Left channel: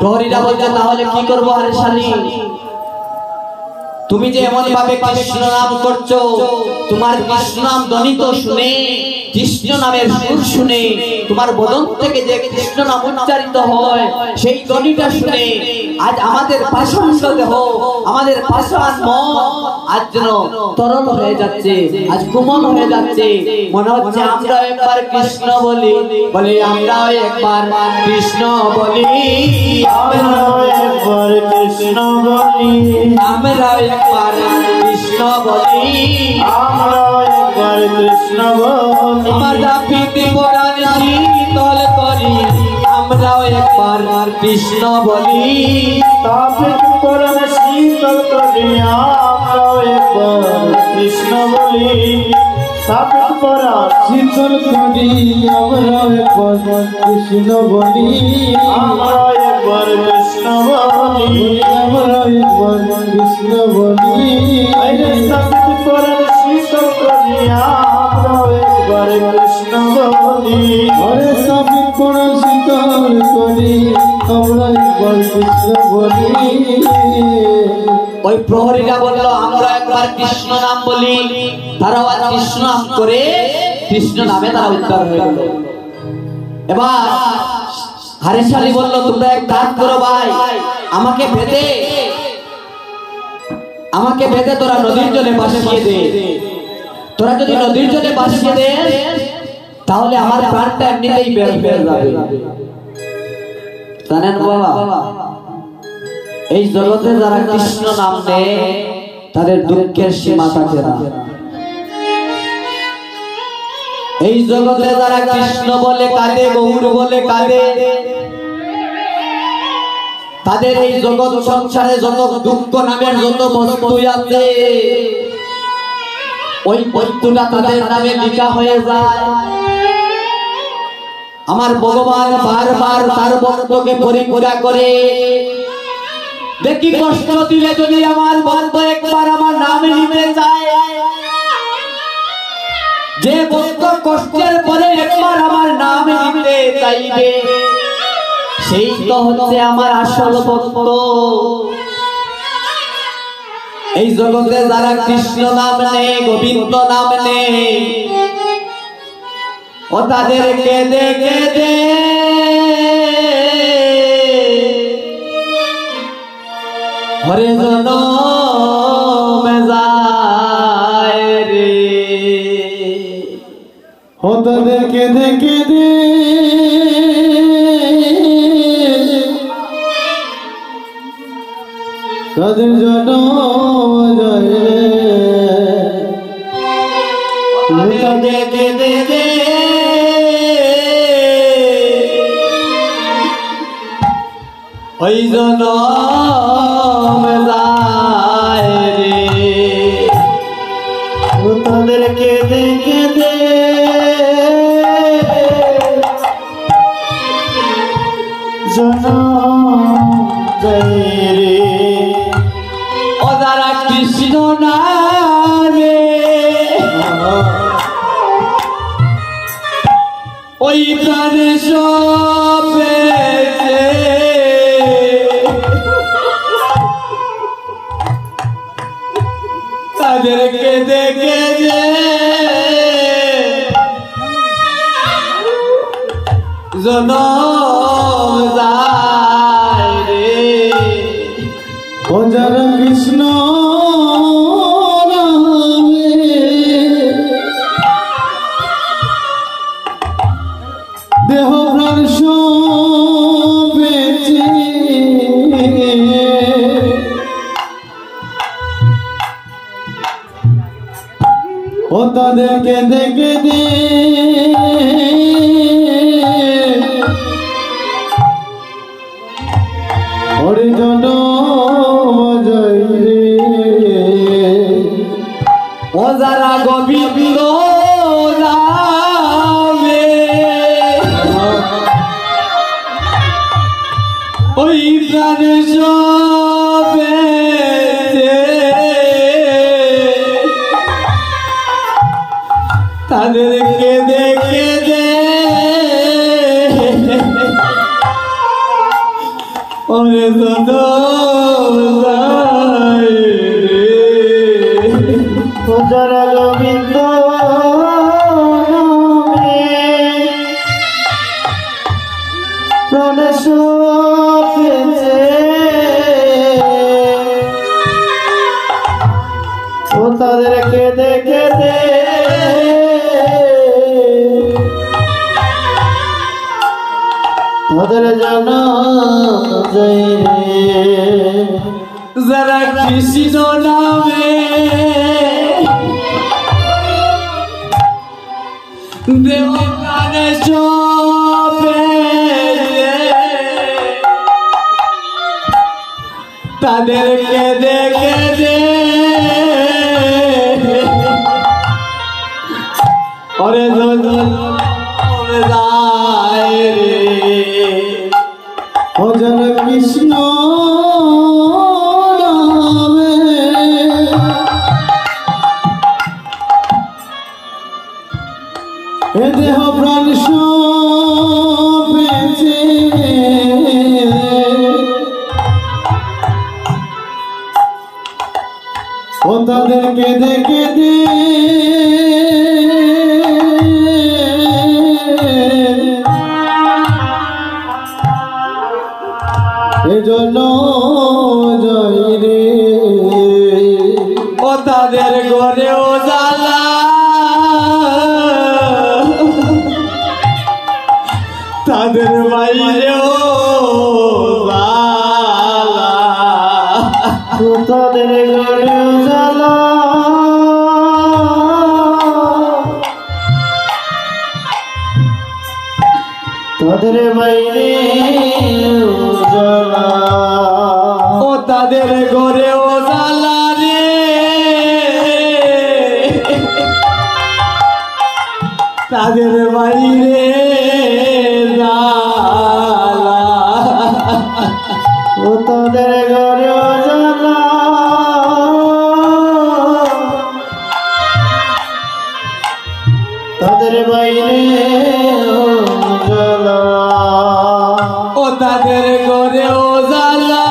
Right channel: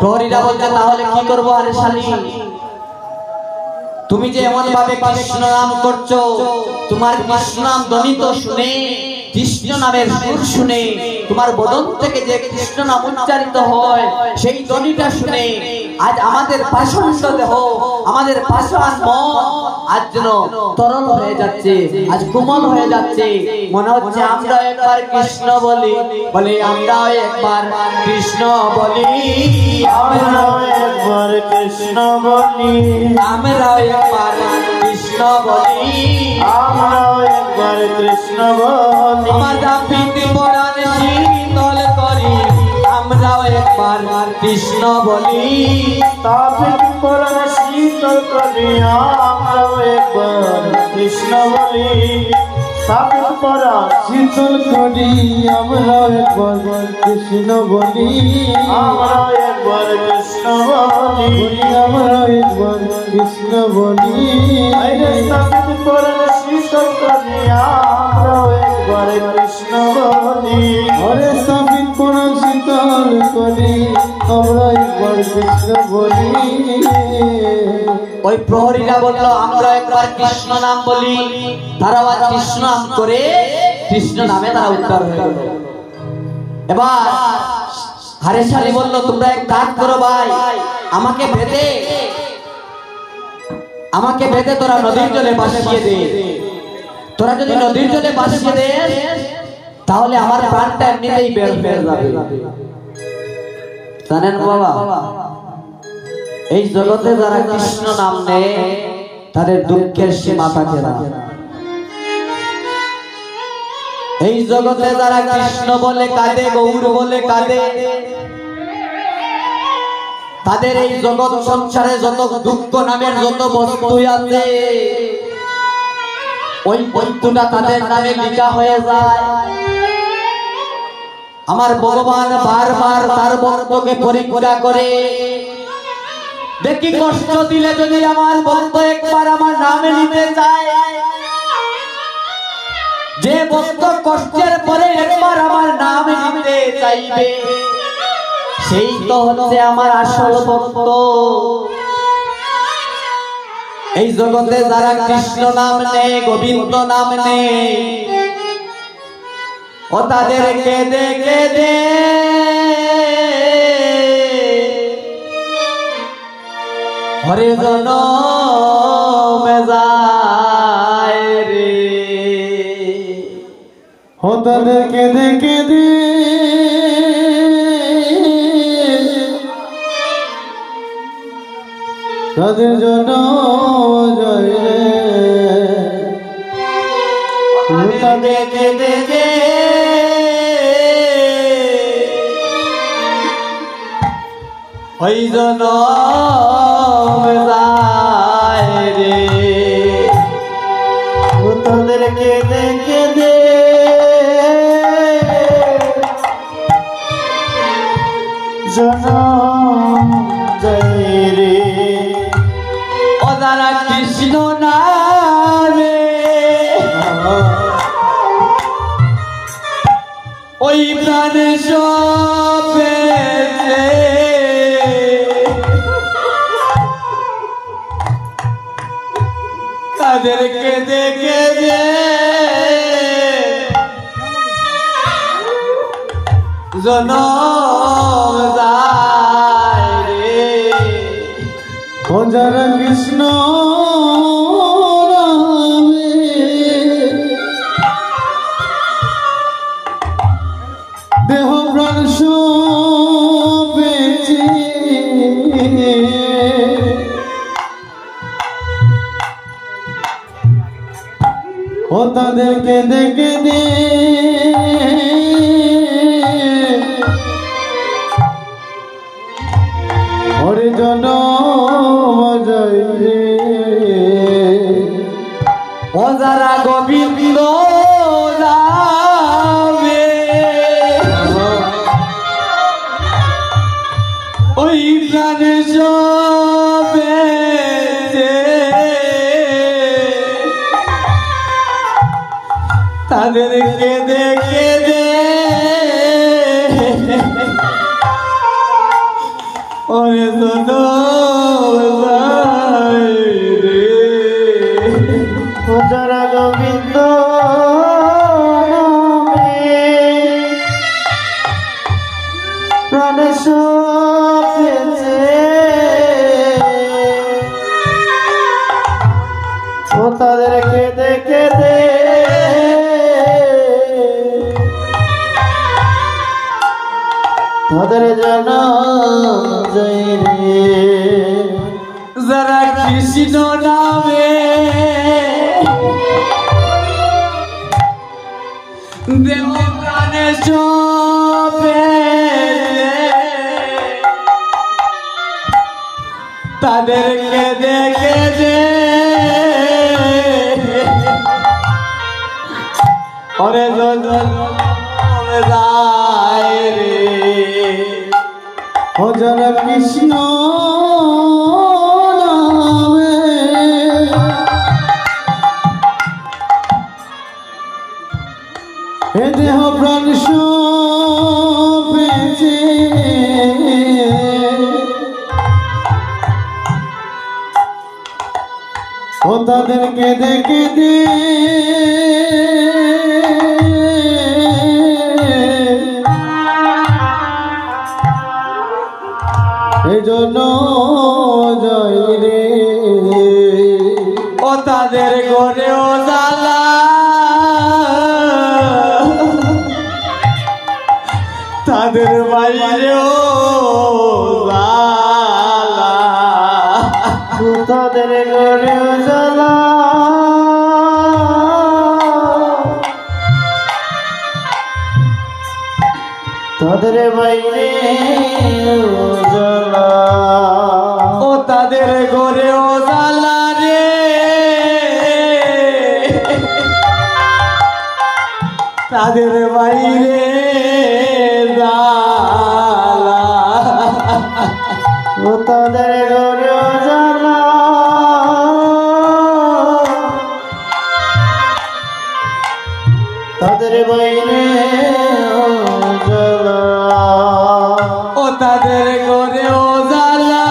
প্রহরীরা বলছে তাহলে কি করবো আরে শালী, তুমি যে এমন ভাবে কৃষ্ণ নাম করছো, তোমার কৃষ্ণ নাম ধ্বনিত শুনে, কৃষ্ণ নামের সুর শুনে, তোমার বদন থেকে যে কৃষ্ণ নাম উচ্চারিত হয় সেই ধ্বনিটা শুনে আজ আমাদের পাষাণ্ড দেহ, আমাদের পাষাণ মন আজ যেন তরল হয়ে যাচ্ছে, আজ কোমল হয়ে যাচ্ছে। মনে হচ্ছে আমরা একবার কৃষ্ণ বলি, বলে আমরা একবার কৃষ্ণ বলি, আমরা একবার কৃষ্ণ বলি, আমরা একবার কৃষ্ণ বলি, আমরা একবার কৃষ্ণ বলি। আমার জাপিতে পুরাণ শীতল করি, আমরাও একবার কৃষ্ণ বলি, তাপিত পুরাণ শীতল করি, আমরাও একবার কৃষ্ণ বলি। তাপিত পুরাণ শীতল করি, আমরাও একবার কৃষ্ণ বলি, আমরাও একবার কৃষ্ণ বলি, আমরাও একবার কৃষ্ণ বলি। তাপিত পুরাণ শীতল করি, আমরাও একবার কৃষ্ণ বলি। ওরে তাপিত পুরাণ শীতল করি, আমরা একবার কৃষ্ণ বলি। ওই প্রহরীরা বলল আমরা একবার কৃষ্ণ নাম বলি, তারাও আর কৃষ্ণ নাম করে কৃষ্ণ নামে তারা উদ্ধার হয়ে গেল। এবার হারে শালী বলল তোমরা এক কাজ করো ভাই, আমাকে বেঁধে তোরা নদীর জলে ভাসিয়ে দে। তোরা যদি নদীর জলে ভাসিয়ে দে তাহলে আমার প্রাণটা এমনিতেই বের হয়ে যাবে। জানেন বাবা, এই জগতে যারা কৃষ্ণ নাম নেয় তাদের দুঃখের সীমা থাকে না। এই জগতে যারা কৃষ্ণ বলে কাঁদে, গৌর বলে কাঁদে, তাদের এই জগৎ সংসারে যত দুঃখ নামের যত বস্তু আছে ওই বস্তুটা তাদের নামে লেখা হয়ে যায়। আমার ভগবান বারবার তার ভক্তকে পরীক্ষা করে, দেখি কষ্ট দিলে যদি আমার ভক্ত একবার আমার নামে নিতে চায়, যে ভক্ত কষ্টের পরে একবার আমার নামে নিতে চাইবে সেই তো হচ্ছে আমার আসল ভক্ত। এই জগতে যারা কৃষ্ণ নাম নেয়, গোবিন্দ নাম নেয়, ও তাদের কেঁদে কেঁদে হরে জনমে যায় রে। ও তাদের কেঁদে কেঁদে তাদের জনম যায় রে। তাদের কেঁদে কেঁদে ওই জনম যায় রে। তাদের কেঁদে কেঁদে জনম যায় রে। ও যারা কৃষ্ণ নামে ওই প্রাণে সব পেয়েছে, তাদের কেঁদে কেঁদে জনম যায় রে। ও যারা কৃষ্ণ নামে দেহ প্রাণ সব বেঁচে, ও তাদের কেঁদে কেঁদে হরে জনম যায় রে। ও যারা গোবিন্দ নামে ওরে জনমাই রে যারা গোবিন্দ প্রাণে সপেছে ও তাদেরকে দেখে দে তাদের জানা যায় রে যারা কৃষ্ণ নামে দেব প্রাণে সপে তাদেরকে দেখে দে ওরে জনমাই রে ও যারা কৃষ্ণ নামে এ দেহ প্রাণ সপেছে ও তাদেরকে দেখে দে এজন্য যাই রে ও তাদের ঘরেও জ্বালা তাদের বাইরেও জ্বালা তাদের ঘরেও জ্বালা তাদের বাইরে ও তাদের ঘরেও জ্বালা রে তাদের বাইরে জ্বালা ও তাদের ঘরেও জ্বালা তাদের বাইরে জ্বালা ও তাদের ঘরেও জ্বালা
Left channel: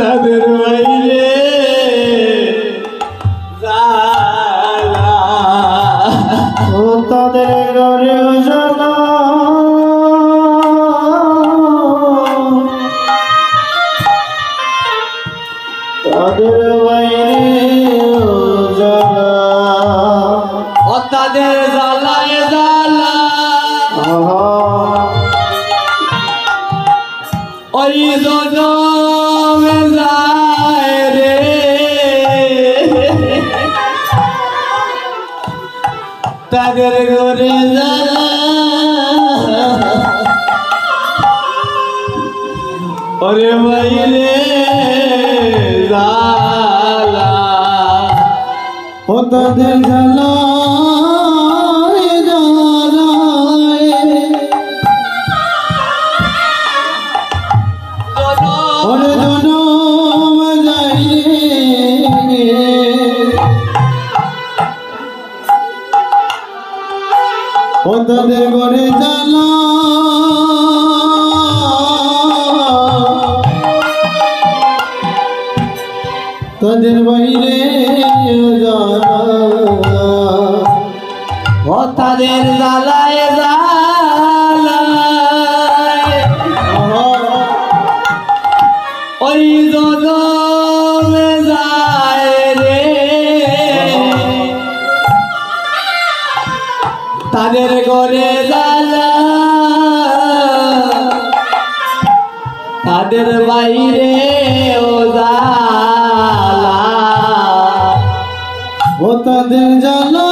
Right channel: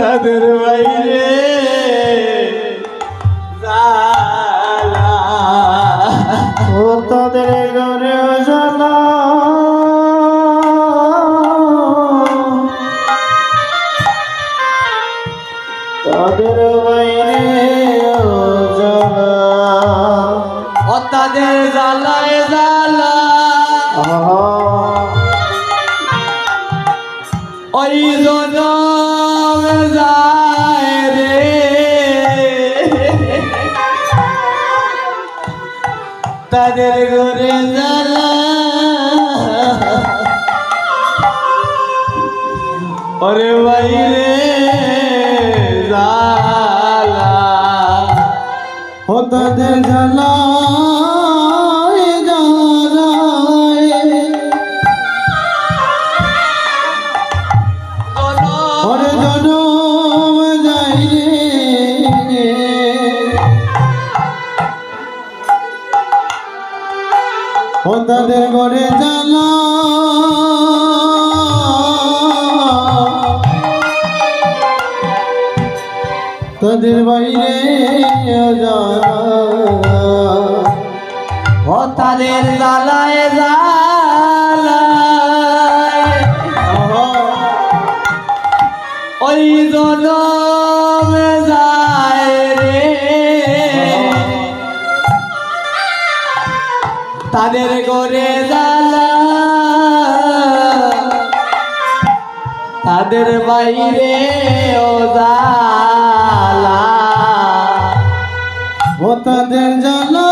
তাদের বাইরে জ্বালা ও তাদের ঘরেও জ্বালা তাদের বাইরে জ্বালা ও তাদের জ্বালায় জ্বালা ওই জনম যায় রে তাদের ঘরে জ্বালা ওরে বাইরে জ্বালা ও তাদের জ্বালা তাদের ঘরে জ্বালা তাদের বাইরে জ্বালা ও তাদের জ্বালায় জ্বালা ওই জনম যায় রে তাদের ঘরে জ্বালা তাদের বাইরে ও জ্বালা ও তাদের জ্বালা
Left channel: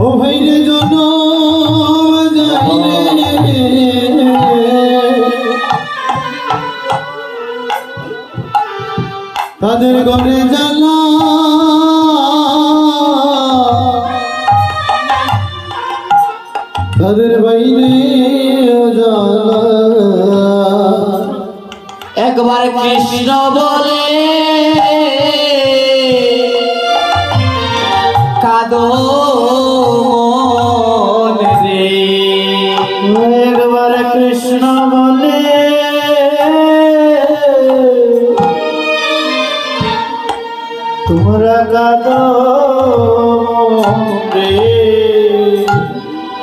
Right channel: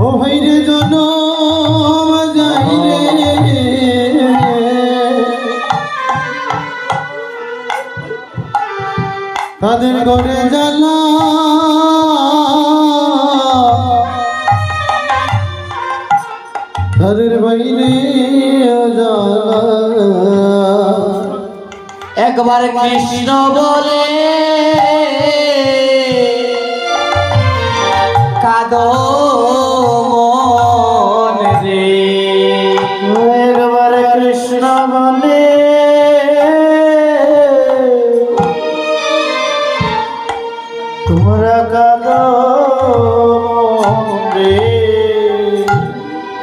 ও ভাইরে জনম যায় রে তাদের ঘরে জ্বালা তাদের বাইরে জ্বালা একবার কৃষ্ণ বলে কাঁদো মনে রে। একবার কৃষ্ণ বলে তোমরা কাঁদো রে।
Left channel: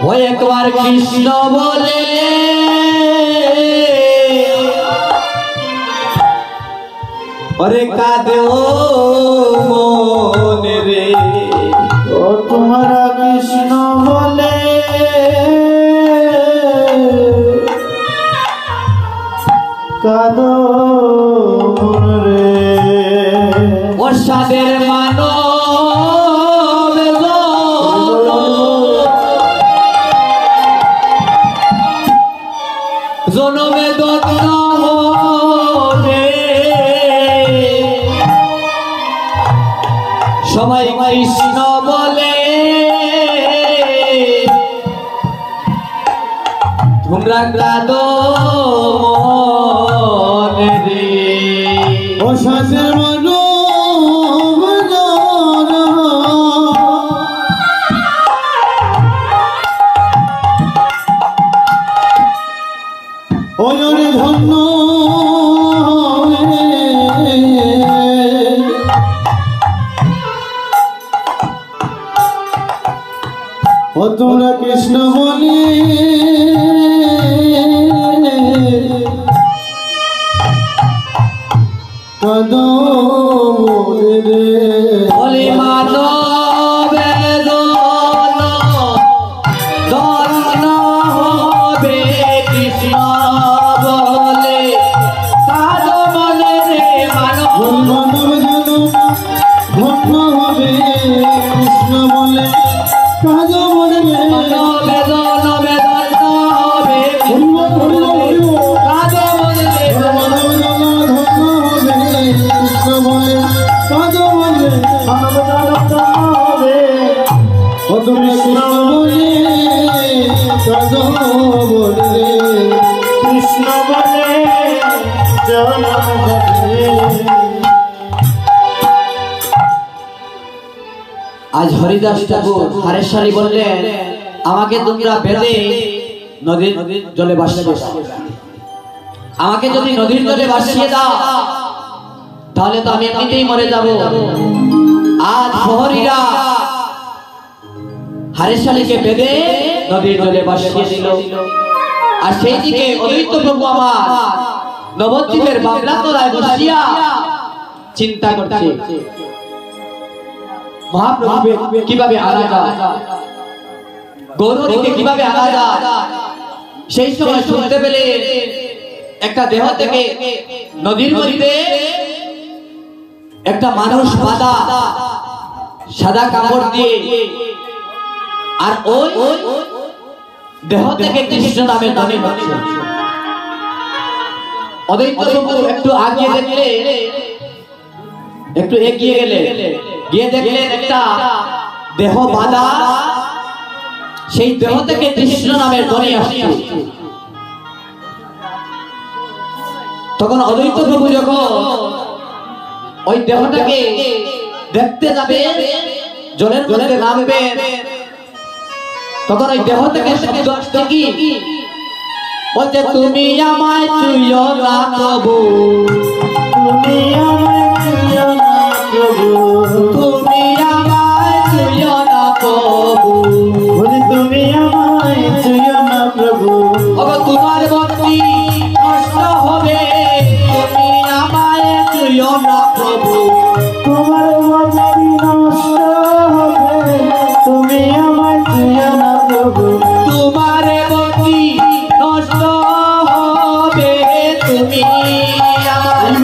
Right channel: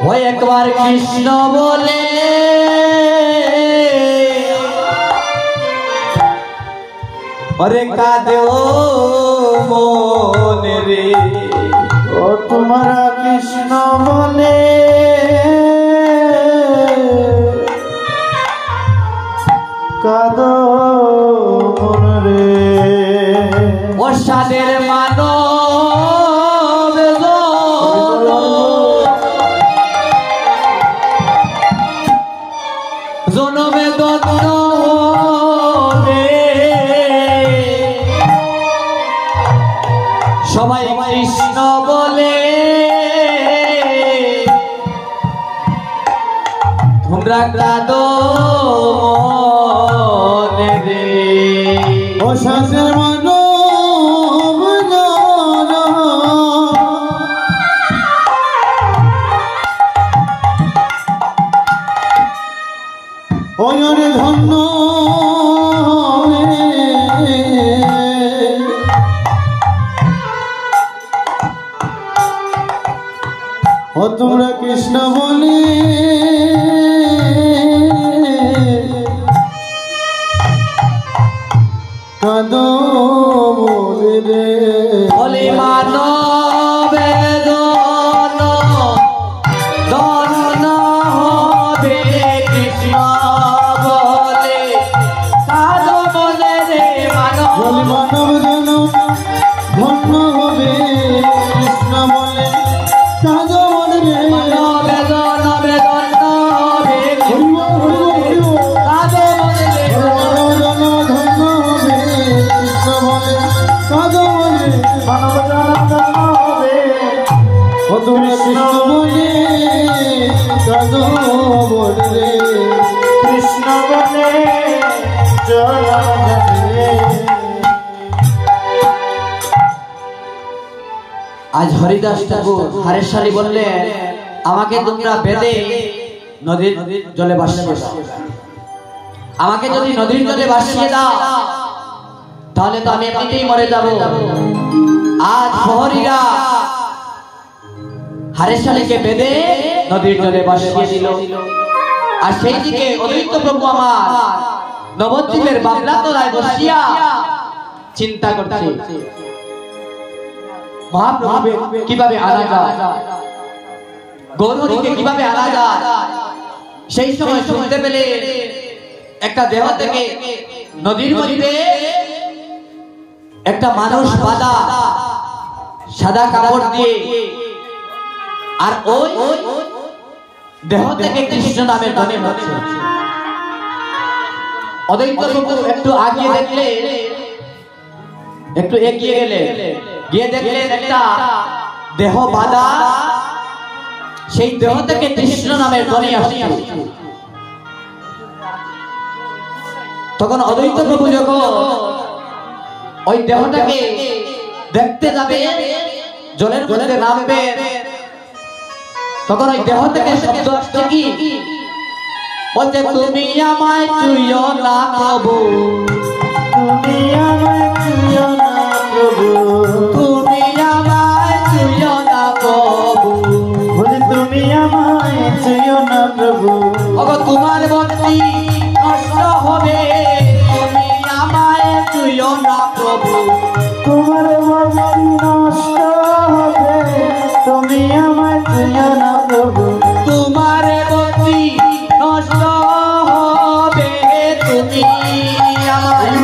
ও একবার কৃষ্ণ বলে ওরে কাঁদো মনে রে। ও তোমরা কৃষ্ণ বলে কাঁদো মন রে। বর্ষাদের মানব জনমে দত্ত হবে সবাই কৃষ্ণ বলে তোমরা কাঁদো মনে রে। ও শাস্ত্রের মানব ও জনে ধন্য ও তোমরা কৃষ্ণ বলে কাঁদো রে। বলে মানবে ধন্য হবে কৃষ্ণ বলে কাঁদো মনে রে। মানব বলি মানব যেন ধন্য হবে কৃষ্ণ বলে কাঁদো মনে রে। মানবে ধন্য হবে কাঁদো মনে রে। আজ হরিদাস ঠাকুর হারেশ্বরী বললেন আমাকে তোমরা বেঁধে নদীর জলে ভাসিয়ে দাও। আমাকে যদি নদীর জলে ভাসিয়ে দাও তাহলে তো আমি এমনিতেই মরে যাব। আজ প্রহরীরা হারেশ্বরীকে বেঁধে নদীর জলে ভাসিয়ে দিল। আর সেই দিকে অদ্বৈত প্রভু আমার নবদ্বীপের বাবলা তলায় বসিয়া চিন্তা করছে মহাপ্রভু কিভাবে আনা যায়, গৌরীকে কিভাবে আনা যায়। সেই সময় শুনতে পেলে একটা দেহ থেকে নদীর মধ্যে একটা মানুষ বাঁধা সাদা কাপড় দিয়ে, আর ওই দেহ থেকে কৃষ্ণ নামে ধ্বনি হচ্ছে। অদ্বৈত প্রভু একটু আগিয়ে দেখলে, একটু এগিয়ে গেলে গিয়ে দেখলেন একটা দেহ বাঁধা, সেই দেহ থেকে কৃষ্ণ নামের ধ্বনি আসছে। তখন অদ্বৈত প্রভু যখন ওই দেহটাকে দেখতে যাবে, জলের মধ্যে নামবে, তখন ওই দেহ থেকে শব্দ আসছে কি বলতে, তুমি আমায় ছুঁয়ো না প্রভু, তুমি আমায় ছুঁয়ো না প্রভু, তুমি আমায় ছুঁয়ো না প্রভু, বলি তুমি আমায় ছুঁয়ো না প্রভু। ওগো তোমার ভক্তি নষ্ট হবে, তুমি আমায় ছুঁয়ো না প্রভু, তোমার ভক্তি নষ্ট হবে, তুমি আমায় ছুঁয়ো না প্রভু। তোমার ভক্তি নষ্ট হবে, তুমি আমায়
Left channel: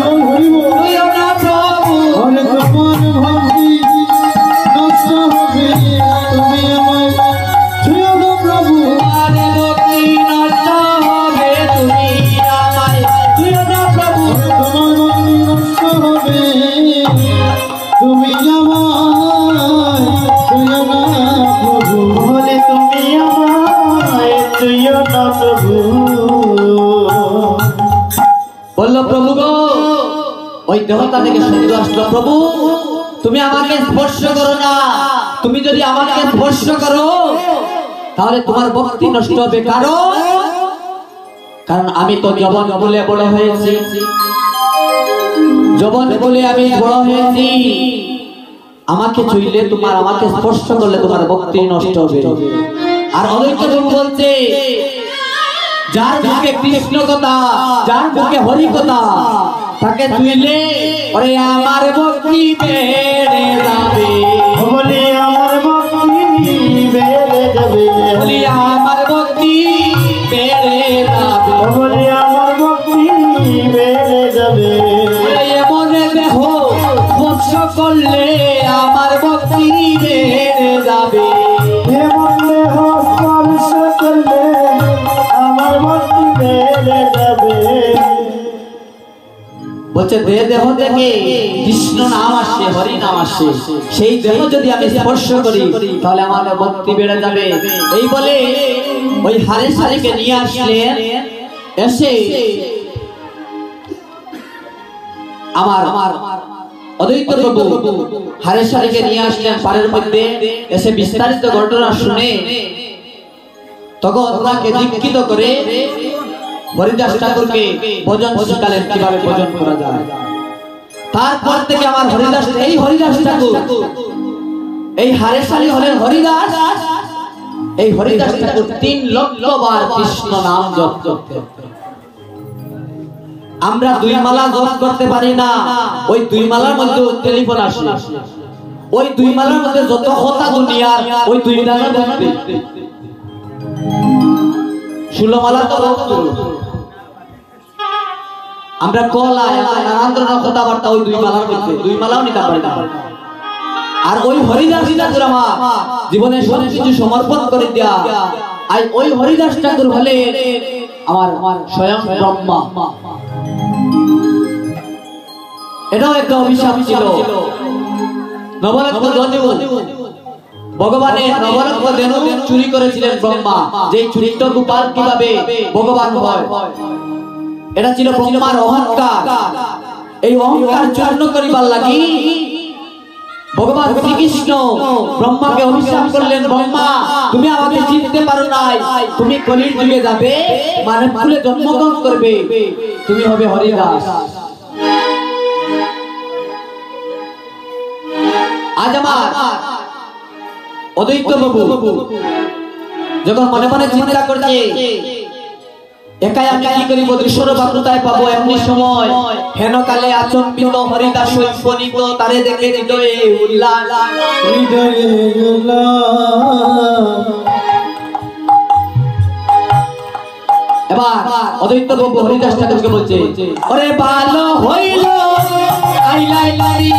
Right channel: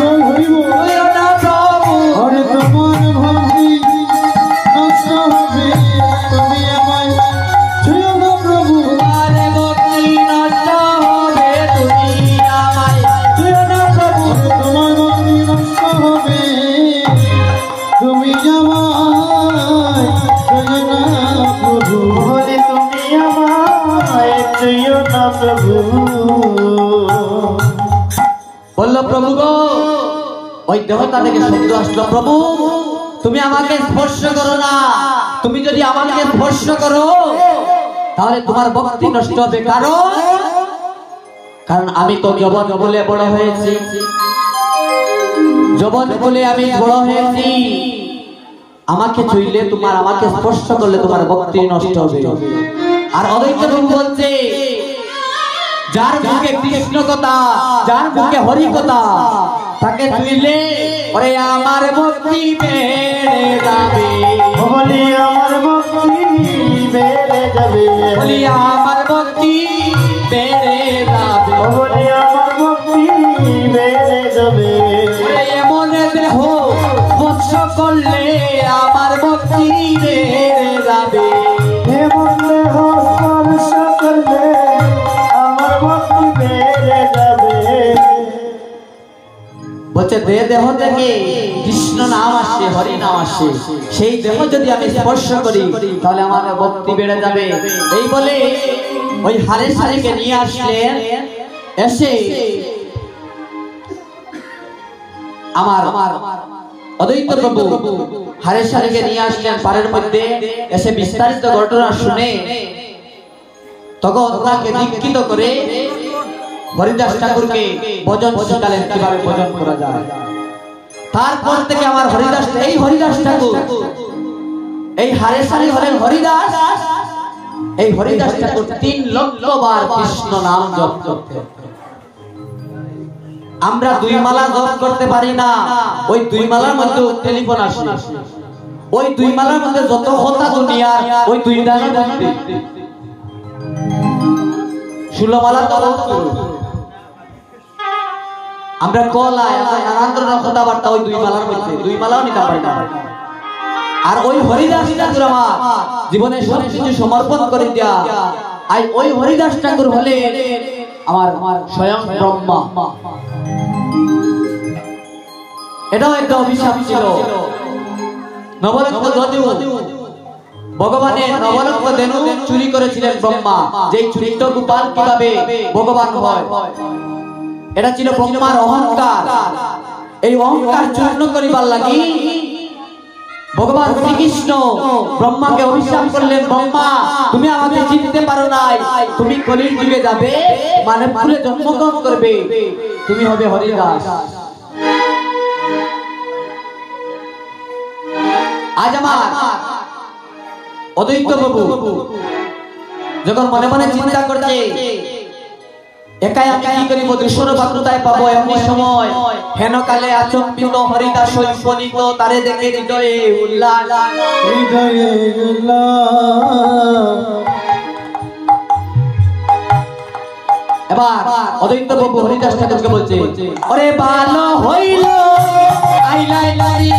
ওই দেবতা থেকে শব্দ আসলো, প্রভু তুমি আমাকে স্পর্শ করো না, তুমি যদি আমাকে স্পর্শ করো তাহলে তোমার ভক্তি নষ্ট হবে। কারণ আমি তো যবন বলে বড় হয়েছি, যবন বলে আমি বড় হয়েছি, আমাকে ছুঁইলে তোমার, আমাকে স্পর্শ করলে তোমার ভক্তি নষ্ট হবে। আর অদ্বৈত প্রভু বলছে, যার মুখে কৃষ্ণ কথা, যার মুখে হরি কথা, তাকে ছুঁইলে ওরে আমার ভক্তি বেড়ে যাবে, বলে আমার ভক্তি বেড়ে যাবে, বলি আমার ভক্তি বেড়ে যাবে, বলে আমার ভক্তি বেড়ে যাবে। মনে দেহ স্পর্শ করলে আমার ভক্তি বেড়ে যাবে, এমন দেহ স্পর্শ করলে আমার ভক্তি বেড়ে যাবে। বলছে দেহ থেকে কৃষ্ণ নাম আসে, হরি নাম আসে, সেই দেহ যদি আমি স্পর্শ করি তাহলে আমার ভক্তি বেড়ে যাবে। এই বলে ওই হারেশারিকে নিয়ে আসলেন, এসে আমার অদ্বৈত প্রভু হারেশারিকে নিয়ে আসলেন পাড়ের মধ্যে, এসে বিস্তারিত ঘটনা শুনে তখন ওনাকে দীক্ষিত করে হরিদাস ঠাকুরকে ভজন শিখালেন কিভাবে ভজন করা যায়। তারপর থেকে আমার হরিদাস, এই হরিদাস ঠাকুর, এই হারেশারি হলেন হরিদাস, এই হরিদাস ঠাকুর 3 লক্ষ বার কৃষ্ণ নাম জপ করতেন। আমরা 2 মালা জপ করতে পারি না, ওই 2 মালার মধ্যে টেলিফোন আসে, ওই 2 মালার মধ্যে যত কথা দুনিয়া ওই 2 মালা জপতে, 16 মালা তো আমরা কলা নানান কথাবার্তা ওই 2 মালার মধ্যে, 2 মালাও নিতে পারি না। আর ওই হরিদাস ঠাকুর আমার জীবনে সবকিছু সমর্পণ করে দেয়া, আর ওই হরিদাস ঠাকুর হলে আমার স্বয়ং ব্রহ্মা। এটাও একটা অভিশাপ ছিল। নবরত্ন যদু ভগবানের নবরত্ন ধেনু চুরি করেছিলেন ব্রহ্মা, যেই চুরিত গোপাল কিভাবে ভগবান হয়, এটা ছিল ব্রহ্মার অহংকার। এই অহংকার চূর্ণ করিবার লাগি ভগবান শ্রীকৃষ্ণ ব্রহ্মাকে অভিশাপ করলেন, ব্রহ্মা তুমি আমাকে চিনতে পারো নাই, তুমি কলির যুগে যাবে, মানে ফুলে জন্মগ্রহণ করবে, তুমি হবে হরিদাস। আজ আমার অদ্বৈত প্রভু যখন মনে মনে চিন্তা করছে একাই আমি কি করিব, দূষণ বাক্যতায় পাবো, এমনি সময় হেন কালে আচম্বিত হরিদাস উপনীত, তারে দেখে হৃদয়ে উল্লাস, হৃদয়ে উল্লাস। এবার অদ্বৈত প্রভু হরিদাস ঠাকুরকে বলছে, ওরে ভালো হইল আইলাই লারি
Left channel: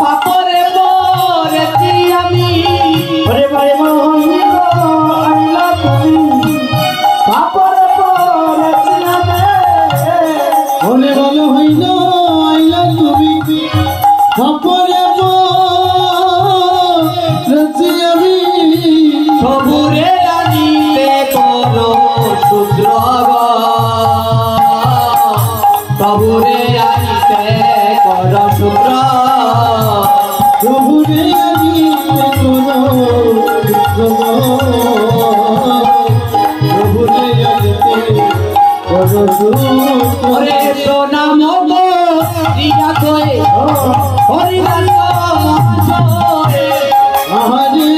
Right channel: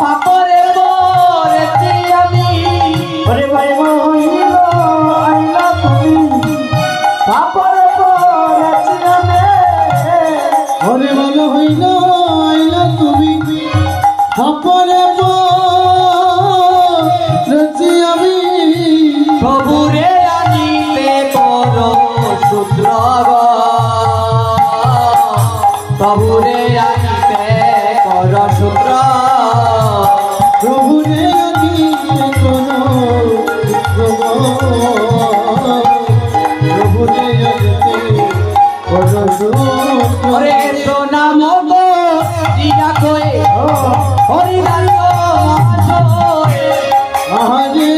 পাপরে মোরেছি আমি, ওরে ভালো হইল আইলা তুমি পাপরে মোরেছি আমি, ওরে ভালো হইল আইলা তুমি পাপরে মোরেছি আমি, প্রভুরে আনিতে করো শুদ্র, প্রভুরে আনিতে করো শুদ্র, প্রভুরে আনিতে করো প্রভুরে আনিতে করো ওরে সোনা মতো দিনা কয়ে হরিদাস আহারে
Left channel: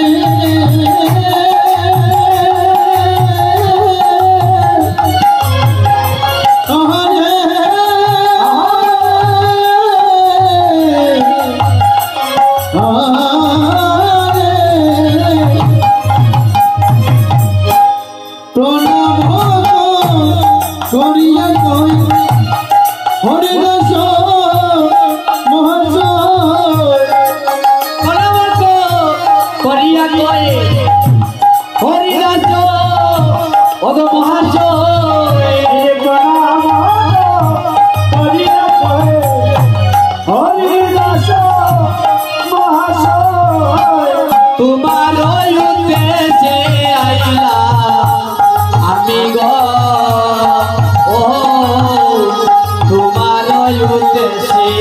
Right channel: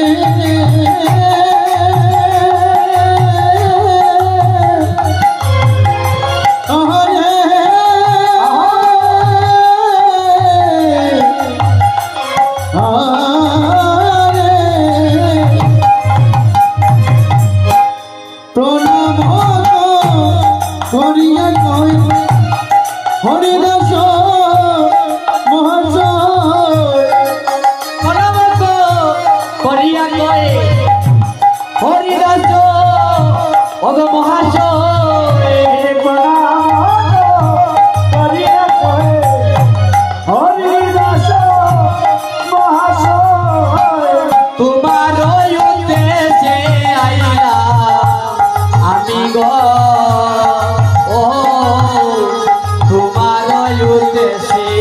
উদ্দেশ্যে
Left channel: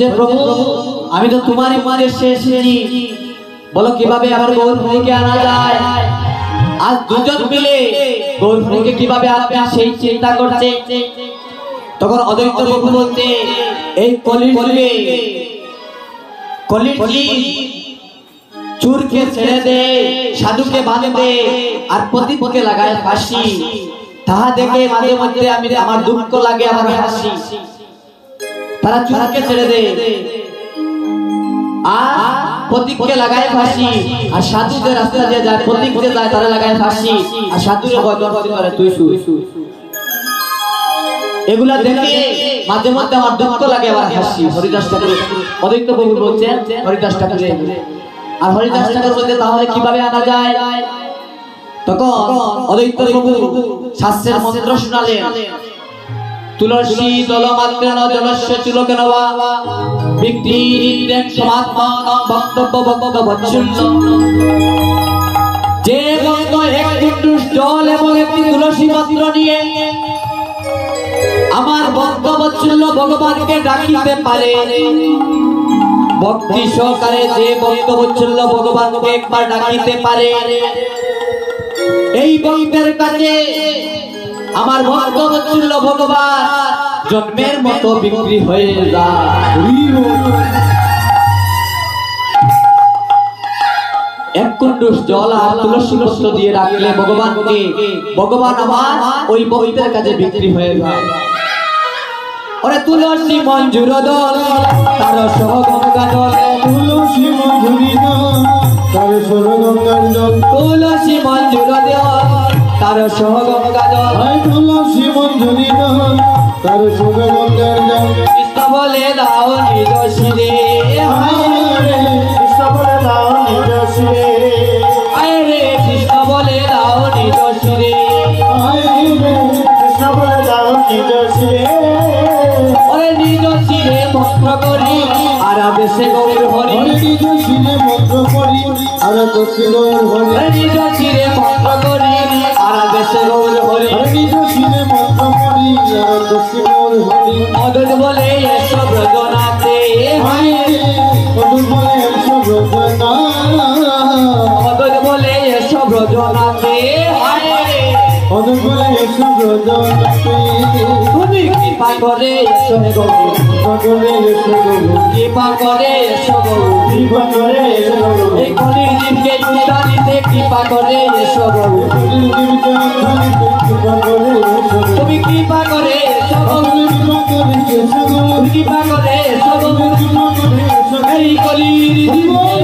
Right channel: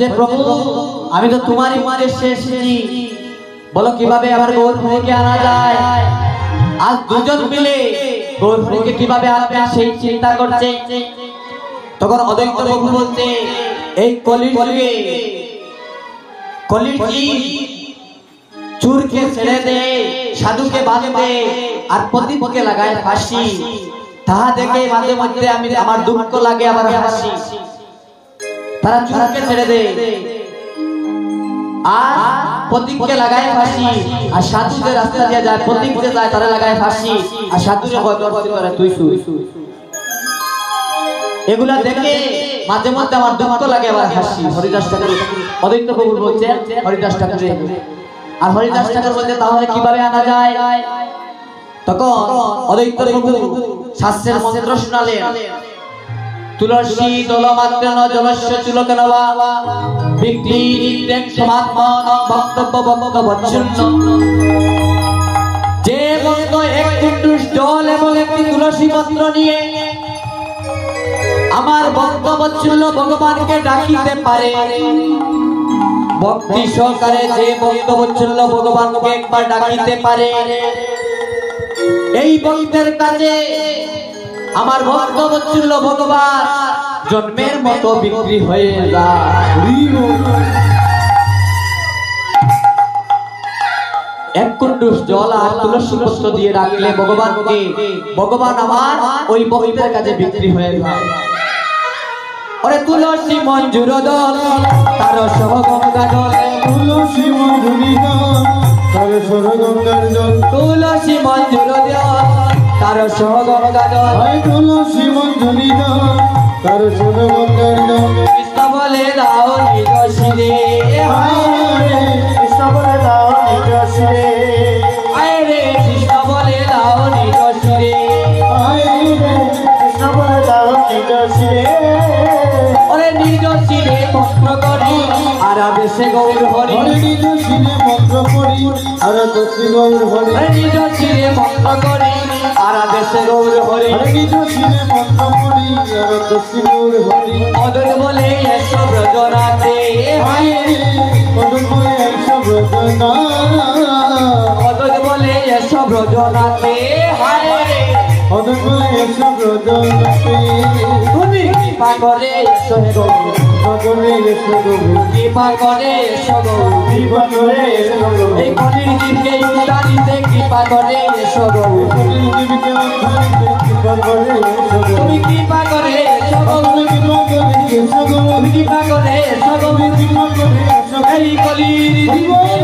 বলছে প্রভু আমি তো তোমারই উদ্দেশ্যে এসেছি, বলো কিভাবে আমার গৌরহরিকে আনা যায়। আজ দুজন মিলে গৌরহরিকে কিভাবে আনবেন সেই চিন্তা করছে। তখন অদ্বৈত প্রভু বলতে এই কলির চুরকে ছেড়ে দে, সাধুকে বাঁধে দে, আর প্রদীপকে লাগায় ফাঁসি। তাহা দেখে মাঝে মধ্যে আমি আমার দুঃখ লাগে, আমার হাসি। তারা চুরকে ছেড়ে দে আর প্রদীপকে লাগায় ফাঁসি, আর সাধু যে রাস্তা দিয়ে যায় প্রদীপকে যায় তারা লাগায় ফাঁসি, আর সাধুরে করে তুই শুই। এগুলা দেখে মাঝে মধ্যে আমার দুঃখ লাগে, আবার হাসি। হরিদাস ঠাকুর অদ্বৈত প্রভু বলছেন হরিদাস ঠাকুরে, আর হরিদাস ঠাকুর বলতে তাহলে কিভাবে আনা যায়। তখন অদ্বৈত প্রভু শাস্ত্রের মন্ত্র শোনালেন। তুলসী দলমাত্রেণ জলস্য চুলকেন বা বিক্রিরেণ সমাত্মন বক্তব্য বৎসল্য। যে ভক্ত এক কুণ্ডুষ জল এবং একটি তুলসী পত্র নিয়ে আমার ভক্তবৎসল্য ভগবানকে ডাকিতে পারে, ভক্তি সহকারে যে ভক্তবৎসল্য ভগবানকে একবার ডাকিতে পারে, এই ভক্তের কাছে আমার ভক্তবৎসল্য ভগবান জন্মের মতো বিক্রি হয়ে যায়। এক কুণ্ডুষ জল আর তুলসী পত্র দিয়ে রাখলে ভগবান আমার ওই ভক্তের কাছে বিক্রি হয়ে যায়। ওরে তুলসী মঞ্জুর দল তার সহগঙ্গা জল, তুলসী মঞ্জুরি দল তার সহগঙ্গার জল, তুলসী মঞ্জুর দল তার সহগঙ্গা জল, তুলসী মঞ্জুরি দল তার সহগঙ্গার জল। কৃষ্ণ বলে দাও নিজ শিরে, কৃষ্ণ বলে দাও নিজ শিরে, আরে কৃষ্ণ বলে দাও নিজ শিরে, কৃষ্ণ বলে দাও নিজ শিরে। নিজ শিরে মন্ত্র করি আর বেশে গৌর হরি, নিজ শিরে মন্ত্র করি আর বেশে গৌর হরি, নিজ শিরে মন্ত্র করি আর বেশে গৌর হরি, নিজ শিরে মন্ত্র করি আর বেশে গৌর হরি। অদল বলে এসো ব্রজনাতে, অদল বলে এসো ব্রজনা, অদল বলে এসো ব্রজনাতে, অদল বলে এসো ব্রজনাতে। তুমি কৃপা করে এসো হে গৌর, কৃপা করে এসো গৌর, কৃপা করে এসো গৌর, কৃপা করে এসো গৌর। এই কলির জীবকে উদ্ধারিতে কৃপা করে এসো গৌর, কলির জীবকে উদ্ধারিতে কৃপা করে এসো গৌর। তুমি কৃপা করে এসো গৌর, কৃপা করে এসো গৌর, কৃপা করে এসো গৌর, কৃপা করে এসো। এই কলির জীবকে